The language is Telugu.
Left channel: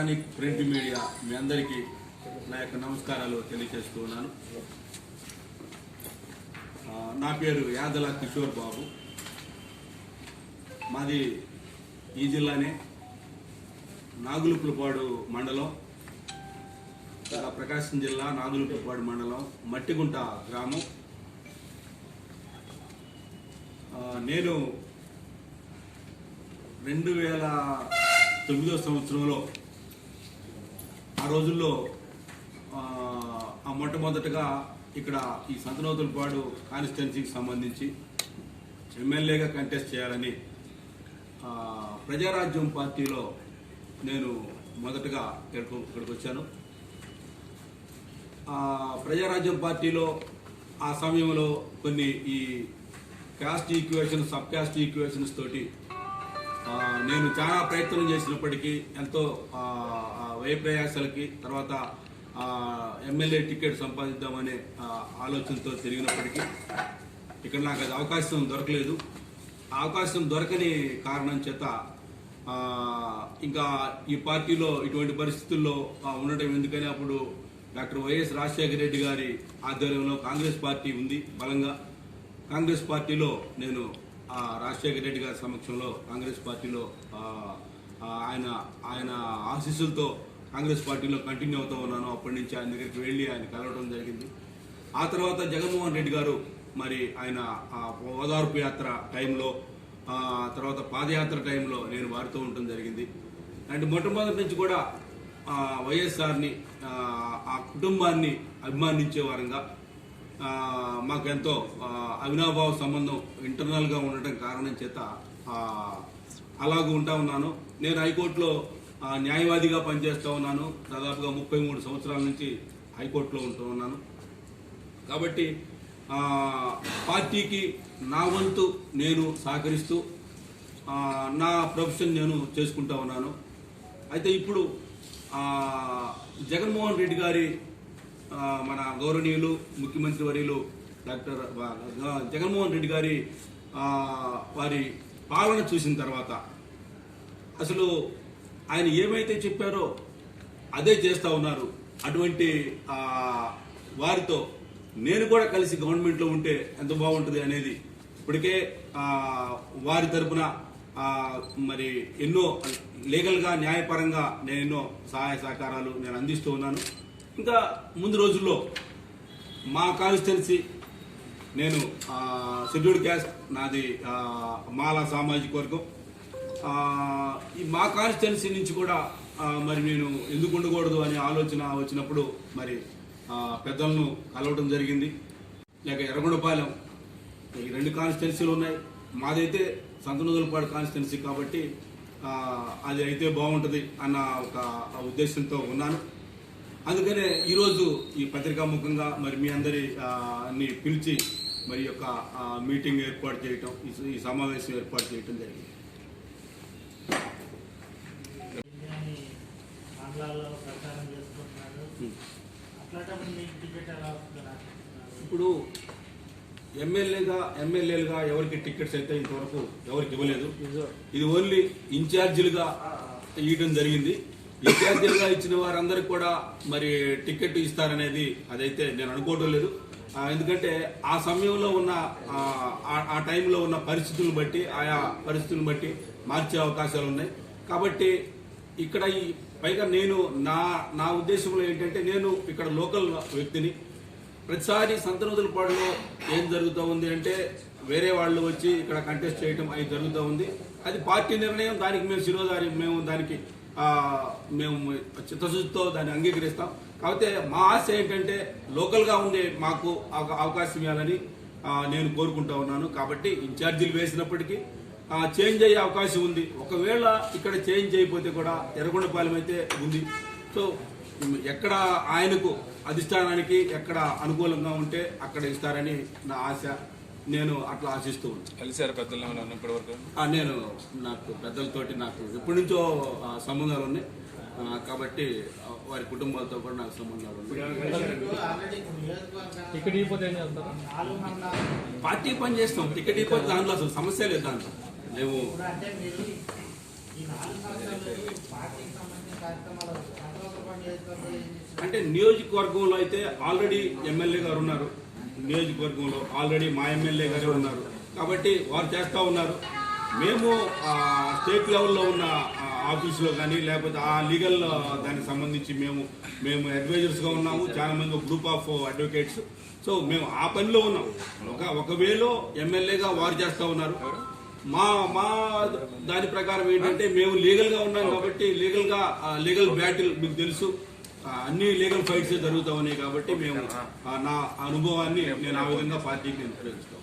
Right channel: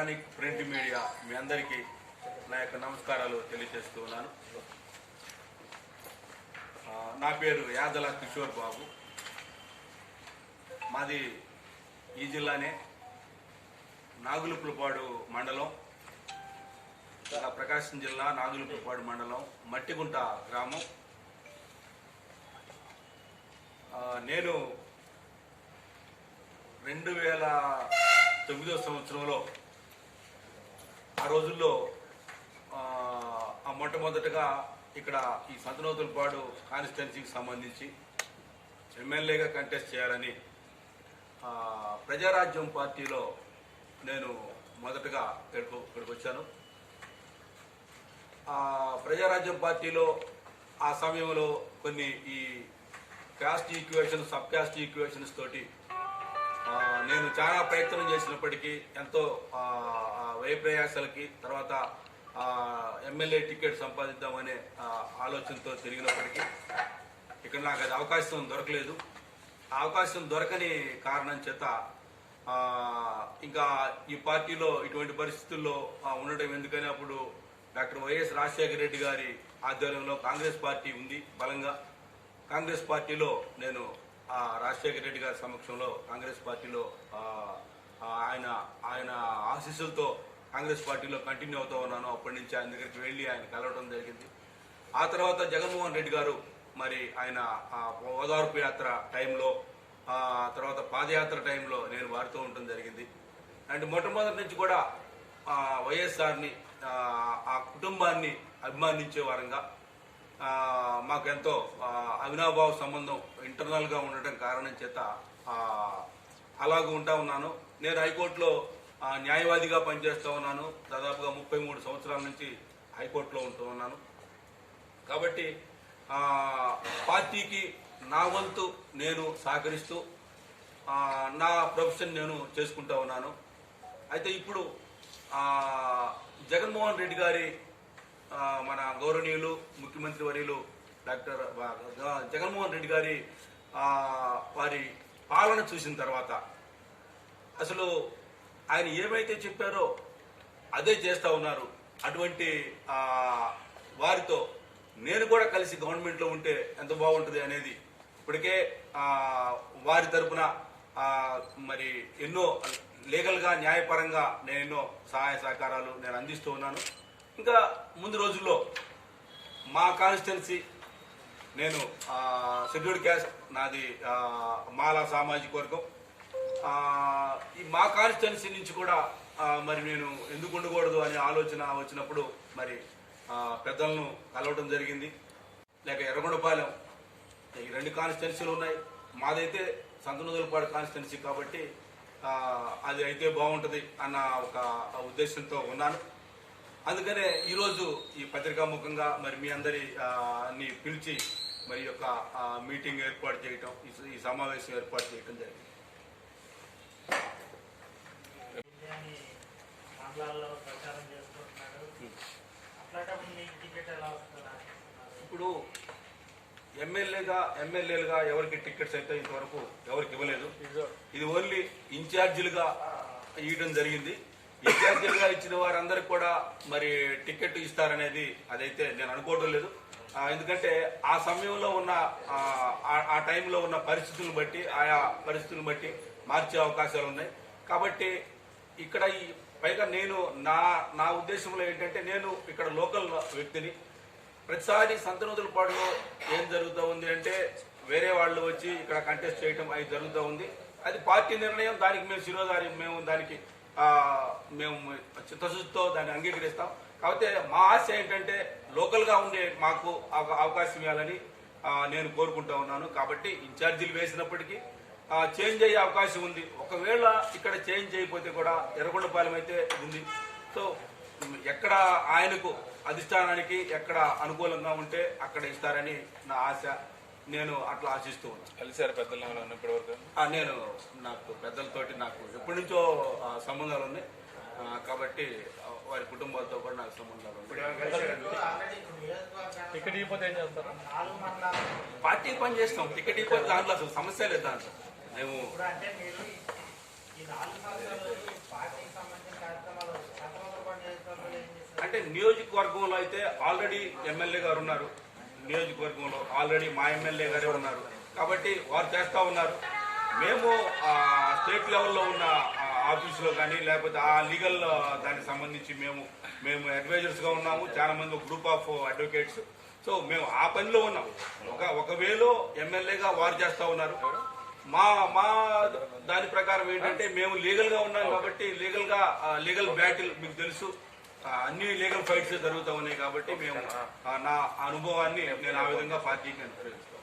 ఎలక్ట్రానిక్ ప్రింట్ మీడియా మీ అందరికీ నా యొక్క నమస్కారాలు తెలియజేస్తూ ఉన్నాను. నా పేరు యాదల కిషోర్ బాబు. మాది ఈ జిల్లానే నాగులుపులపాడు మండలం, ప్రకాశం జిల్లా నాగులుపులపాడు మండలం మట్టిగుంట గ్రామం. నేను 2009 సంవత్సరంలో ఆ రోజుల్లో మొట్టమొదటగా ఇక్కడ ఈ సంతనూతలపాడు కాన్స్టిట్యున్సీకి సంబంధించి ఎమ్మెల్యేగా కంటెస్ట్ చేయాలని ప్రజారాజ్యం పార్టీలో నేను మొదటగా ఇక్కడికి వచ్చాను. ప్రజారాజ్యం పార్టీలో ఆ సమయంలో కొన్ని ఈ caste equation, sub caste equations తోటి నేను చాలా ప్రయత్నం చేసినప్పటికీ, ఎంతో వ్యయప్రయాసాలకి తర్వాత ఎమ్మెల్యే టికెట్ సంపాదిద్దామనే ఆలోచనతో తిరిగినప్పటికీ ఇక్కడ నాకు అది అవకాశం దొరకలేదు. ఆ అవకాశం దొరకని కారణం చేత ఇంకా ఈ పార్టీలో ఇటువంటి పరిస్థితుల్లో ఉండటం ఎందుకని అప్పుడు డాక్టర్ వైఎస్ రాజశేఖర రెడ్డి గారి ఆధ్వర్యంలో కాంగ్రెస్ పార్టీ ఉంది బలంగా. కాంగ్రెస్ పార్టీలో నేను రాజశేఖర రెడ్డి గారి సమక్షంలో కాంగ్రెస్ పార్టీలో ఆయన ఆశీస్సులతో కాంగ్రెస్ పార్టీలో కంటిన్యూ అవుతూ ఉన్నాను. అప్పటి నుంచి ఆయన దగ్గరికి వెళ్లి ఆయన కలవడం జరిగింది. ఆ తర్వాత జగన్మోహన్ రెడ్డి గారు మరి ఆయన ఓదార్పు యాత్ర టైంలో, తర్వాత పాదయాత్ర టైంలో నేను వారితో ఉండటం జరిగింది. అండ్ మొట్టమొదటి నుంచి కూడా వైఎస్ఆర్ని, ఆ కుటుంబాన్ని అభిమానించే వారంగా మాకెంతో అవినాభావ సంబంధం ఇంటర్నల్గా ఉండటం కారణం చేత అలాగూ ఉంటా ఉన్నాను. నేను హైకోర్టులో న్యాయవాదిగా పనిచేస్తూ ఉన్నాను. దాదాపుగా 33 సంవత్సరాల నుంచి హైకోర్టులో ఉంటూ ఉన్నాను. కాబట్టి పార్టీకి నా వంతు నేను సహకరిస్తూ నా ప్రొఫెషన్ నేను చేసుకుంటా ఉన్నాను. అయితే ఇప్పుడు జగన్మోహన్ రెడ్డి గారి, మన గౌరవనీయులు ముఖ్యమంత్రి వర్యులు డాక్టర్ జగన్మోహన్ రెడ్డి గారి వారి పాలన చూసిన తర్వాత అసలు ఆయన ఏమైతే చెప్పారో అదే చేస్తా ఉన్నారు. అటువంటి వారితో నేను కూడా కలిసి గవర్నమెంట్లో ఉంటే ఎంత బాగుంటుంది అనేది ఇప్పటికే వారి తరపున మరి ఎన్నో లీగల్గా, న్యాయపరంగా నేను ఎన్నో సహాయ సహకారాలు నేను అందిస్తూ ఉన్నాను. ఇంకా ముందు రోజుల్లో మా కాన్స్టిట్యున్సీ, నేను షెడ్యూల్డ్ క్యాస్ట్, నాది మాలా సామాజిక వర్గం. ఈ మా కాన్స్టిట్యున్సీ నుంచి కూడా మరి నేను ఎందుకు ఉండకూడదు అనే ఆలోచన వచ్చినప్పుడు మరి పెద్దలను కలవడం జరిగింది. లేక ఎర్రగొండపాలెం, ఈ 2 కాన్స్టిట్యున్సీలు ఉన్నాయి. మాదైతే సంతనూతలపాడు కాన్స్టిట్యున్సీ కాబట్టి అది అయితే బాగుంటుంది అన్న ఒక ఉద్దేశంతో ఉన్నాను. అందుకనే ఈరోజు ఈ పత్రికాముఖంగా మరి మీ అందరి అన్ని పిలిచి మరి యొక్క మీటింగ్ ఏర్పాటు చేయటం, ఈ సమావేశం ఏర్పాటు చేయటం జరిగింది. ఇప్పుడు ఎమ్మెల్యేలుగా ఎవరికి టికెట్స్ అయితే ఇంతవరకు ఎవరికి ఇవ్వలేదు. ఇది ఓన్లీ ఇన్ఛార్జీలుగా ఇవ్వడం జరిగింది. ఇన్ఛార్జీలుగా ఇచ్చిన వారందరికి కూడా మరి టికెట్ ఇస్తారనేది అదైతే నేను అనుకోవడం లేదు. ఎందుకంటే ఆ సమయంలో ఉన్న ఆ టైంలో ఉన్న పరిస్థితులను బట్టి, ఆయా పరిస్థితులను బట్టి మార్చే అవకాశాలు ఉన్నాయి. కాబట్టి ఇక్కడ పైగా నేను నా ఉద్దేశంలో ఏంటంటే, నేను ఇక్కడ లోకల్ వ్యక్తిని. ప్రతిసారి సంతనూతలపాడులో ఏం జరుగుతూ ఉంది అంటే వేరే వాళ్ళు వచ్చి ఇక్కడ కంటెస్ట్ చేయటం అది జరుగుతూ ఉంది. అది పార్టీ నిర్ణయం. దానికి మేము శిరోధారి, మేము దానికి మేము చిత్తశుద్ధితో దాన్ని అంగీకరిస్తాం. కాకపోతే మా ఆశ ఏంటంటే లోకల్గా ఉండే మాకు అవకాశం ఇవ్వాలని నేను కోరుకుంటా ఉన్నాను. కాబట్టి ఇన్ఛార్జీలు వేసినప్పటికీ చేంజ్ అయ్యే అవకాశం ఉంది. ఒకవేళ ఇక్కడ చేంజ్ అయిపోతే కూడా ఎర్రగొండపాలెం అయితే ఉంది. సో ఎక్కడ ఆయనకు అధిష్టానానికి ఎక్కడ అనుకూలంగా ఉంటే అక్కడ ఇస్తారని నా ఆశ. నేను అట్లా ఆశిస్తూ ఉన్నాను. కలిసారు పెద్దలు ఇప్పటివరకు? నేను నాకు పెద్దలతోటి నాకు ఎప్పటి నుంచో సంబంధాలు ఉన్నాయి. కాబట్టి వారి కుటుంబాలతో కూడా నాకు సంబంధాలు ఉన్నాయి. పార్టీ పని చేస్తాం. టికెట్ ఇవ్వకపోతే దాంట్లో అసలు సమస్య లేదు. దాంట్లో మేము అంటే నియోజకవర్గంలో అయితే ఆల్రెడీ ఎమ్మెల్యే గారు ఉన్నారు, నియోజకవర్గంలో ఆల్రెడీ మా ఎమ్మెల్యే గారే ఉన్నారు కాబట్టి వారు చేస్తా ఉన్నారు. మేము స్టేట్ లెవెల్లో ఉన్న ఆఫీసులో కానీ లేకపోతే ఆ లీగల్ దానికి సంబంధించి మేము అడ్వైజర్స్ గా ఉన్నాము, చాలా మంది ఒక గ్రూప్ ఆఫ్ అడ్వకేట్స్. సో మేము ఆ పనిలో ఉన్నాం. ఒక వేలో ఎమ్మెల్యేగా వారు చేస్తా ఉన్నారు. మా దాని ప్రకారం ఏంటంటే మేము లీగల్ గా ఉన్నాం కాబట్టి లీగల్ బ్యాటిల్ మీకు తెలుసు, అన్ని లీగల్ ఫైట్స్ జరుగుతూ ఉన్నాయి కాబట్టి మేము నా అనుభవాన్ని నేను ఆ విధంగా పార్టీకి నేను ఉపయోగిస్తాను.